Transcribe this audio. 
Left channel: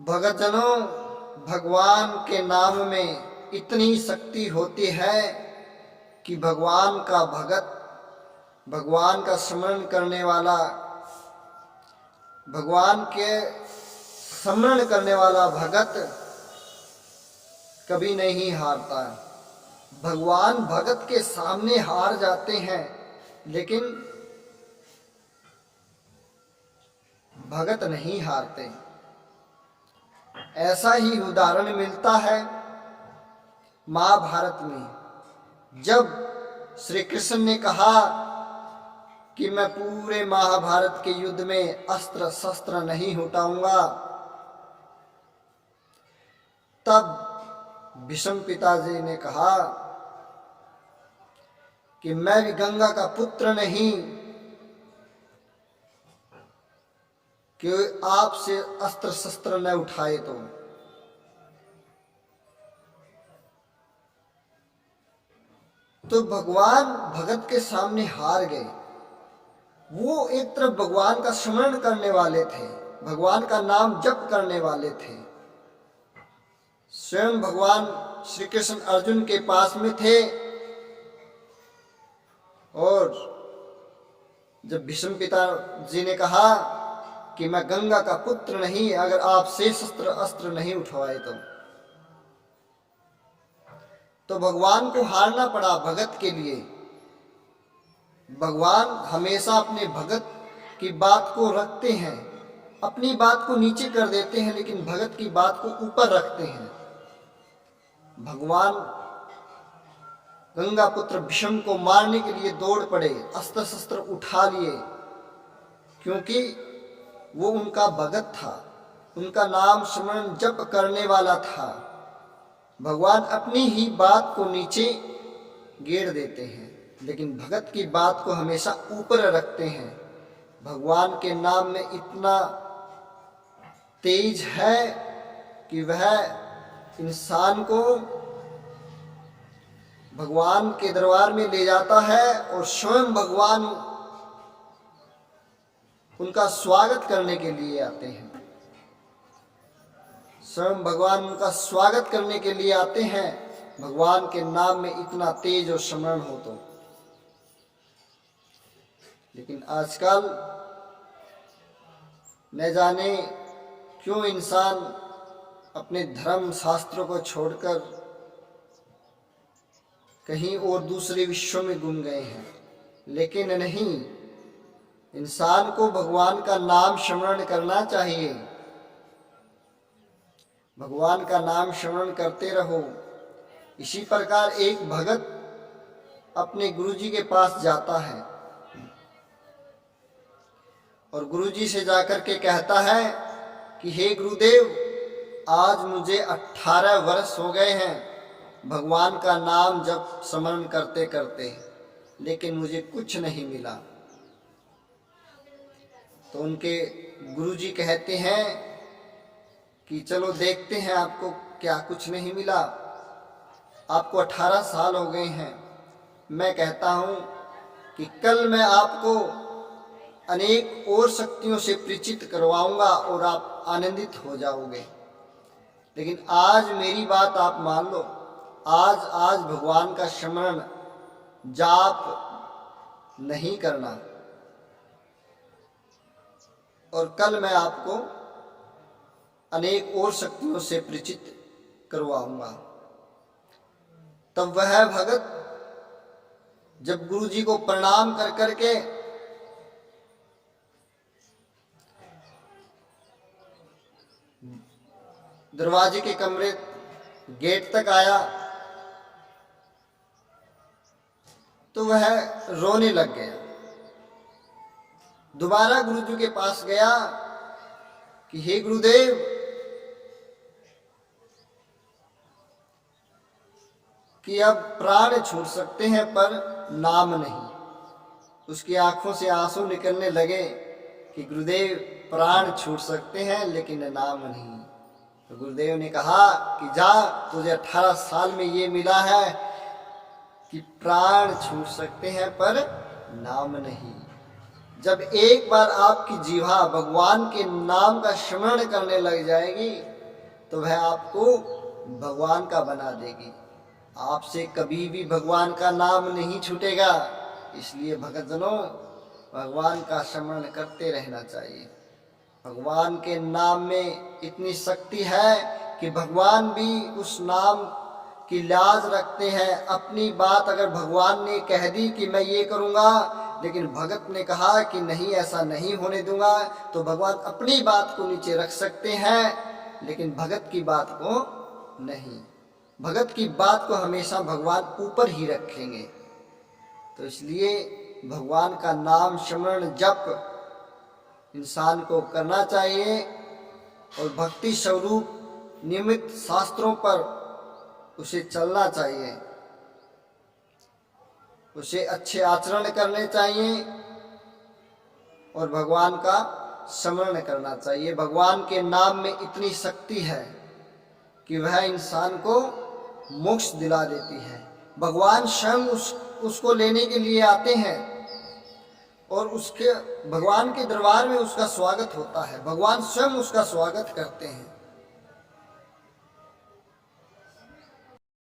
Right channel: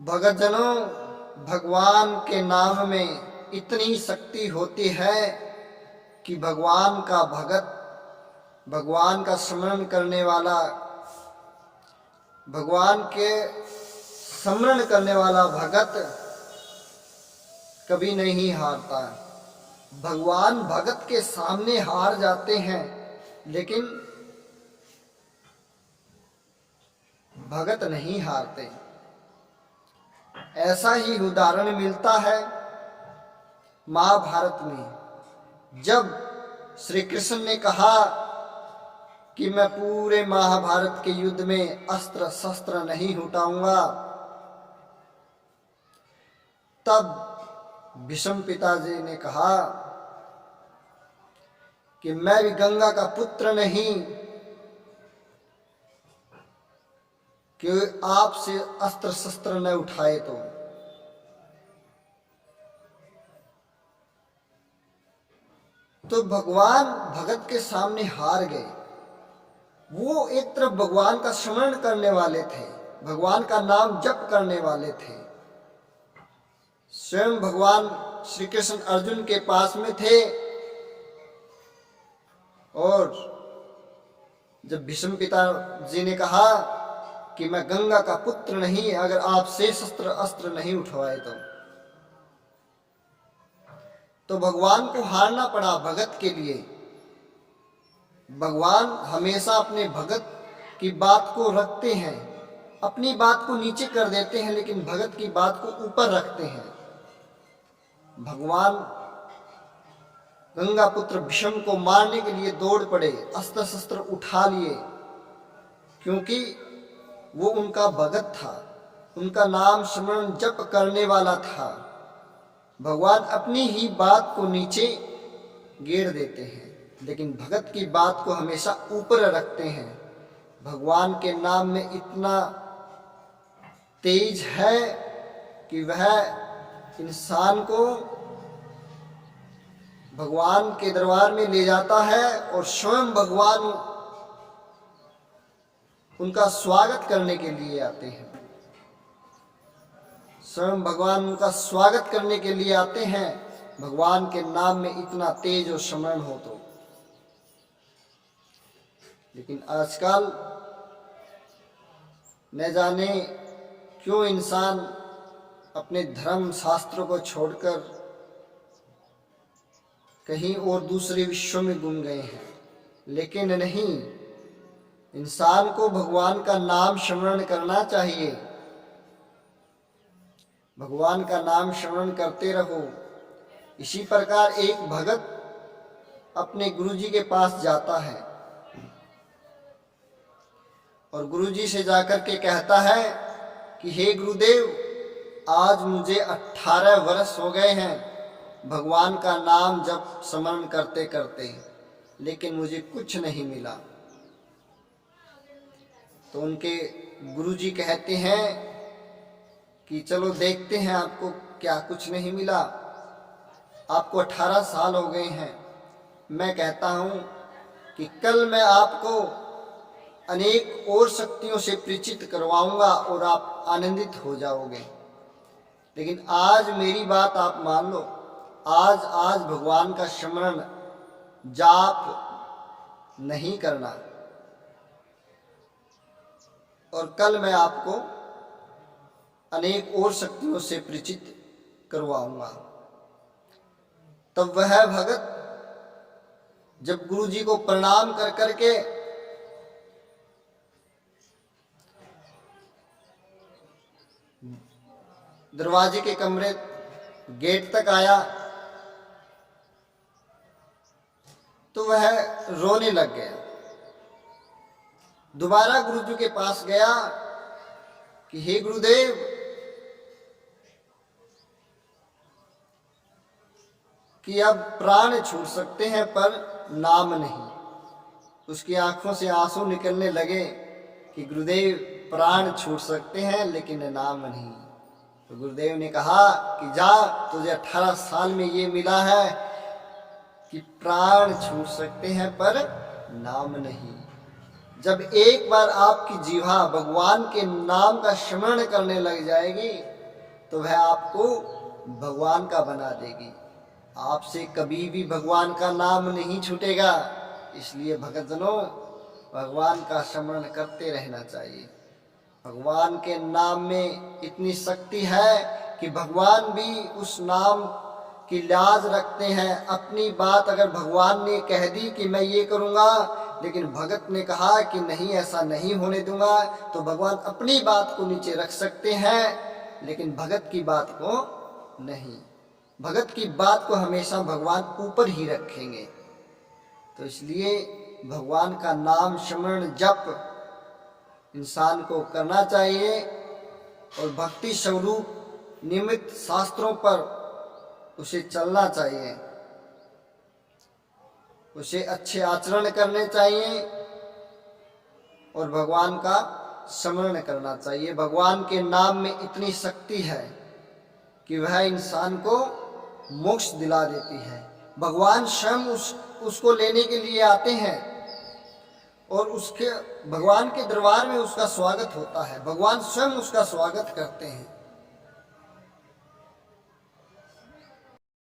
भगतजनों, भगवान के नाम में इतनी शक्ति होती है कि भगवान का भगत, भगवान का स्मरण करने वाला, भगवान के स्मरण करने वाला भगत कभी नहीं हारता। भगवान भगत के सामने हार जाते हैं, लेकिन भगत नहीं हारते। ऐसा ही उदाहरण मिलता है महाभारत में, जब श्री कृष्ण ने कहा कि मैं पूरे महाभारत के युद्ध में अस्त्र शस्त्र नहीं उठाऊंगा, तब भीष्म पिताजी ने कहा कि मैं भी गंगा का पुत्र नहीं कि आपसे अस्त्र शस्त्र न उठाए। तो भगवान भगत के सामने हार गए। वो एक तरफ भगवान का स्मरण करने वाले थे, भगवान का नाम जप करने वाले थे। स्वयं भगवान श्री कृष्ण अर्जुन के पास में थे, और जब भीष्म पिताजी ने कहा कि मैं गंगा का पुत्र नहीं अगर आप से शस्त्र अस्त्र नहीं उठवाए तो भगवान को हारना पड़ा भगत के लिए। भगवान हमेशा अपने भगत की बात को रखते हैं, अपनी बात को नीचे कर देते हैं, लेकिन भगत की बात को ऊपर रखते हैं। भगवान गंगा पुत्र भीष्म को मारने के लिए दौड़ पड़े, अस्त्र शस्त्र उठा लिए, क्योंकि वो उनका भगत था, उनका नाम स्मरण जप करने वाला था। भगवान अपनी ही बात को नीचे गिर देते हैं, लेकिन भगत की बात को हमेशा ऊपर रखते हैं। भगवान के नाम में इतना तेज है कि वह इंसान को भगवान के दरबार में ले जाता है, और स्वयं भगवान उनका स्वागत करने के लिए आते हैं। स्वयं भगवान उनका स्वागत करने के लिए आते हैं, भगवान के नाम में इतना तेज और स्मरण हो तो। लेकिन आजकल न जाने क्यों इंसान अपने धर्म शास्त्रों को छोड़कर कहीं और दूसरे विश्व में गुम गए हैं। लेकिन नहीं, इंसान को भगवान का नाम स्मरण करना चाहिए। भगवान का नाम स्मरण करते रहो। इसी प्रकार एक भगत अपने गुरुजी के पास जाता है और गुरुजी से जाकर के कहता है कि हे गुरुदेव, आज मुझे 18 वर्ष हो गए हैं भगवान का नाम जब स्मरण करते करते, लेकिन मुझे कुछ नहीं मिला। तो उनके गुरुजी कहते हैं कि चलो देखते हैं आपको क्या कुछ नहीं मिला। आपको 18 साल हो गए हैं। मैं कहता हूँ कि कल मैं आपको अनेक और शक्तियों से परिचित करवाऊंगा और आप आनंदित हो जाओगे। लेकिन आज मेरी बात आप मान लो। आज भगवान का स्मरण जाप नहीं करना, और कल मैं आपको अनेक और शक्तियों से परिचित करवाऊंगा। तब वह भगत जब गुरुजी को प्रणाम कर करके दरवाजे के कमरे गेट तक आया तो वह रोने लग गया। दोबारा गुरुजी के पास गया कि हे गुरुदेव, कि अब प्राण छूट सकते हैं पर नाम नहीं। उसकी आंखों से आंसू निकलने लगे कि गुरुदेव, प्राण छूट सकते हैं लेकिन नाम नहीं। तो गुरुदेव ने कहा कि जा, तुझे 18 साल में ये मिला है कि प्राण छूट सकते हैं पर नाम नहीं। जब एक बार आपकी जीवा भगवान के नाम का स्मरण करने लग जाएगी तो वह आपको भगवान का बना देगी। आपसे कभी भी भगवान का नाम नहीं छूटेगा। इसलिए भक्तजनों, भगवान का स्मरण करते रहना चाहिए। भगवान के नाम में इतनी शक्ति है कि भगवान भी उस नाम की लाज रखते हैं। अपनी बात अगर भगवान ने कह दी कि मैं ये करूँगा, लेकिन भगत ने कहा कि नहीं ऐसा नहीं होने दूंगा, तो भगवान अपनी बात को नीचे रख सकते हैं, लेकिन भगत की बात को नहीं। भगत की बात को हमेशा भगवान ऊपर ही रखेंगे। तो इसलिए भगवान का नाम स्मरण जप इंसान को करना चाहिए और भक्ति स्वरूप निमित्त शास्त्रों पर उसे चलना चाहिए, उसे अच्छे आचरण करने चाहिए और भगवान का स्मरण करना चाहिए। भगवान के नाम में इतनी शक्ति है कि वह इंसान को मोक्ष दिला देती है। भगवान स्वयं उसको लेने के लिए आते हैं और उसके भगवान के दरबार में उसका स्वागत होता है। भगवान स्वयं उसका स्वागत करते हैं।